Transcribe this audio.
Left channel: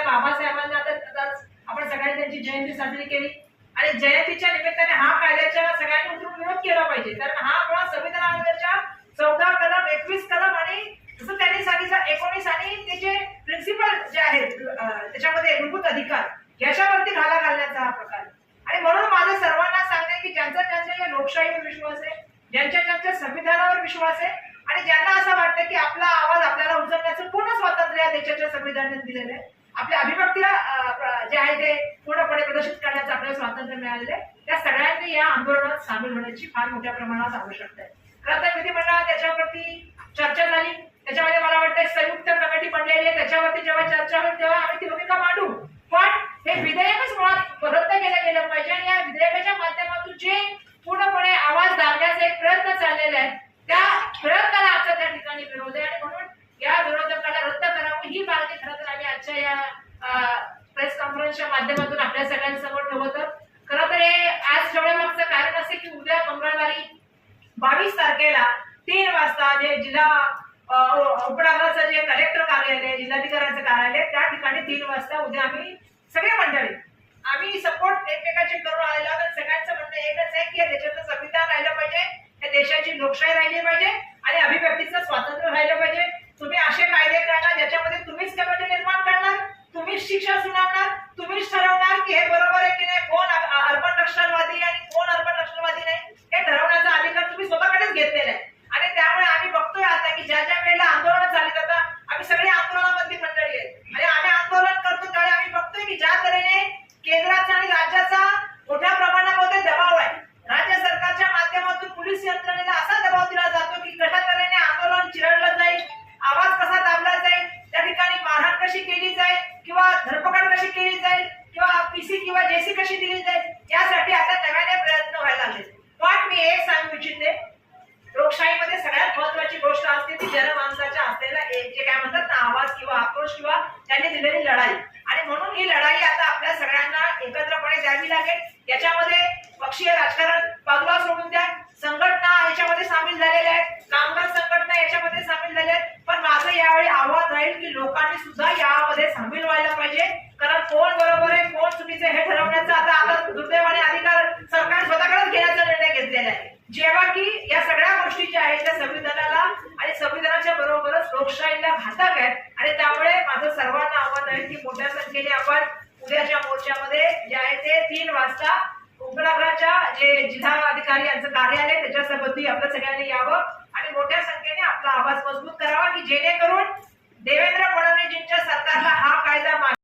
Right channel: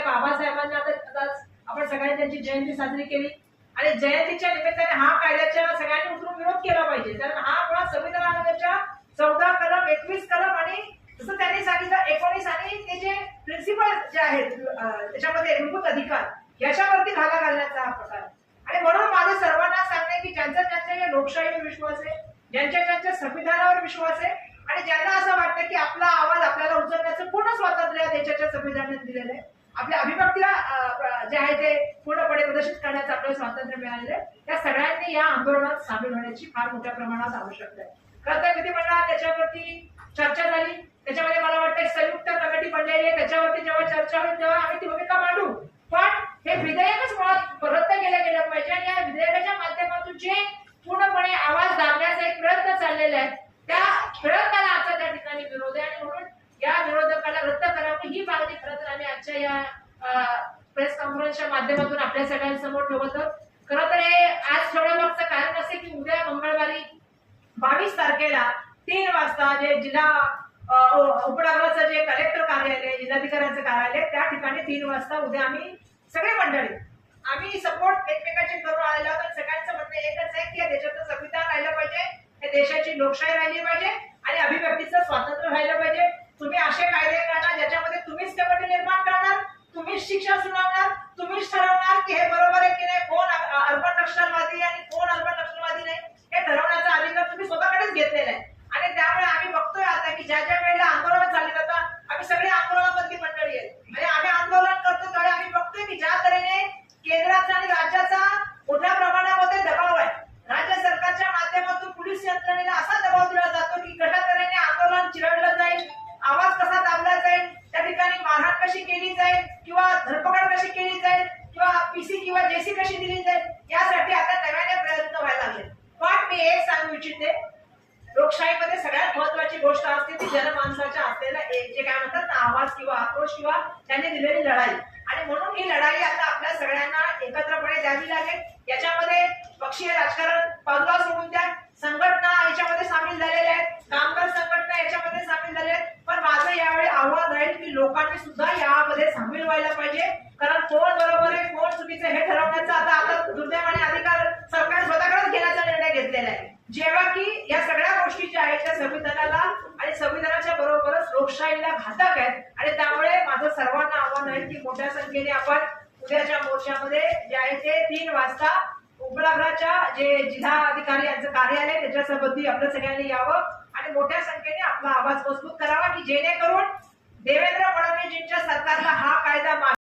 बाबासाहेब आता आपण सगळ्यांनी त्यांची जयंती साजरी केली आणि जयंतीच्या निमित्ताने हा कायद्याच्या सगळ्यांनी उतरून विरोध केला पाहिजे, कारण हा मुळात संविधानाच्या 14 कलम 21 कलम आणि जसं त्यांनी सांगितलं 19 आणि ते जे प्रिन्सिपल जे आहेत त्याच्यामध्ये मूलभूत अधिकार याच्यावरती घाला घालण्याचा हा प्रकार. आणि म्हणून माझं सर्वांना सांगणे की ज्यांचा या लोकशाहीवर विश्वास आहे, ज्यांच्या संविधानावर विश्वास आहे आणि ज्यांना असं वाटतं की आपला आवाज आपल्याला उचलण्याचं पूर्ण स्वातंत्र्य या देशाच्या संविधानाने दिलेलं आहे, आपल्या अभिव्यक्तीला जे आहे ते पूर्णपणे प्रदर्शित करण्याचं आपल्याला स्वातंत्र्य मिळालेलं आहे, त्या सगळ्यांनी या आंदोलनात सामील होण्याची फार मोठ्या प्रमाणात आवश्यकता आहे. खरं तर विधिमंडळात त्याच्यावरती चर्चा झाली, त्याच्यामध्ये मला वाटतं संयुक्त कमिटी बनलेली आहे, त्याच्यावरती जेव्हा चर्चा होईल तेव्हा आम्ही ती भूमिका मांडू. पण हे विधेयकच मुळात रद्द केलं गेलं पाहिजे आणि या विधेयकाच्या माध्यमातून जे पूर्णपणे आवाज दाबण्याचा एक प्रयत्न चाललेला आहे त्या प्रयत्नाला आजच्या त्या ठिकाणी विरोध आहे आणि म्हणून या विरोधकाला रद्द करावं ही मागणी खरं तर आम्ही आजच्या या प्रेस कॉन्फरन्सच्या माध्यमातून आपल्या सगळ्यांसमोर ठेवत आहोत. खरं तर हे आज ठेवण्यामागचं कारण असे की उद्या मंगळवारी 22 तारखेला 3 वाजता जे जिल्हा उपनगराचं जे कलेक्टर कार्यालय, जिल्हाधिकाऱ्यांचं कार्यालय त्या ठिकाणी 3 वाजता उद्या आम्ही सगळे मंडळी आम्ही सपोर्ट एकमेकांचे करून आलेलो आहोत. सगळ्यांचं म्हणणं एकच आहे की या देशाचं संविधान राहिलं पाहिजे, या देशाची लोकशाही राहिली पाहिजे आणि अभिव्यक्तीचं स्वातंत्र्य राहिलं पाहिजे. तुम्ही असे कायदे करणार ज्याच्यामध्ये तुम्हीच कमिटी निर्माण करणार, तुम्हीच शिक्षा सुनावणार, तुम्हीच ठरवणार की हे बरोबर आहे की नाही, कोण अर्बन नक्षलवादी आणि कोण अर्बन नक्षलवादी नाही हे ठरवण्याचा अधिकार तुम्ही स्वतःकडेच घेतलेला आहे. आणि त्यामुळे आम्ही बघतोय आता की ज्या ज्या वेळेला आंदोलन चालली जातात आम्ही सगळे आंदोलनामधली मंडळी आहेत आणि आम्ही आंदोलन करतो त्यावेळी आम्ही बघतोय की ज्या तऱ्हेने केंद्राचा आणि राज्याचा मोठ्या प्रमाणामध्ये दबाव आहे, राज्य सरकारच्या माध्यमातून पोलीस यंत्रणेला असा दबाव दिला जातो की कशा तऱ्हेने आंदोलन चिरडलं जाईल, आवाज कसा दाबला जाईल, त्या ठिकाणी मारहाण कशी केली जाईल किंवा धरपकड कशी केली जाईल किंवा पीसी किंवा जेसी कशी दिली जाईल यासाठी आता नव्याने प्रयत्न व्हायला लागले. पण मी एक सांगू इच्छिते, लोकशाहीमध्ये सगळ्यात महत्वाची गोष्ट असते ती जनमानसाच्या असलेला जे काय म्हणतात ना आवाज किंवा आक्रोश किंवा त्यांनी दिलेली लढाई. आणि म्हणून ही लढाई आता आपल्या सगळ्यांना एकत्रपणे द्यावी लागेल. याच्यामध्ये पक्षीय राजकारण बाजूला सोडून द्या, संघटना याच्यामध्ये सामील झालेल्या आहेत, कामगार संघटना याच्यामध्ये सामील झाल्या आहेत. पण माझं यावेळी आव्हान राहील की लोकांनी सुद्धा यामध्ये सामील व्हायला पाहिजे, कारण कोण बरोबर आहे कोण चुकीचं हे ठरवण्याचा आता दुर्दैवाने अधिकार सरकार स्वतःकडेच घेण्याचा निर्णय घेतलेला आहे. जेव्हा की या सगळ्या गोष्टी ज्या आहेत त्या संविधानाला आणि संविधानाच्या बरोबरच लोकशाहीला घातक आहेत आणि त्यामुळे माझं सर्वांना आव्हान आहे की मोठ्या संख्येने आपण उद्याच्या मोर्चामध्ये जे आहे ते 3 वाजता उपनगराच्या जे जिल्हाधिकारी यांचं कार्यालय त्याच्या संबंधी आपल्या सगळ्यांनी यावं आणि मोठ्या संख्येने आपला आवाज मजबूत करावा की जेणेकरून देवेंद्र फडणवीसजींच्या सरकारला हा कायदा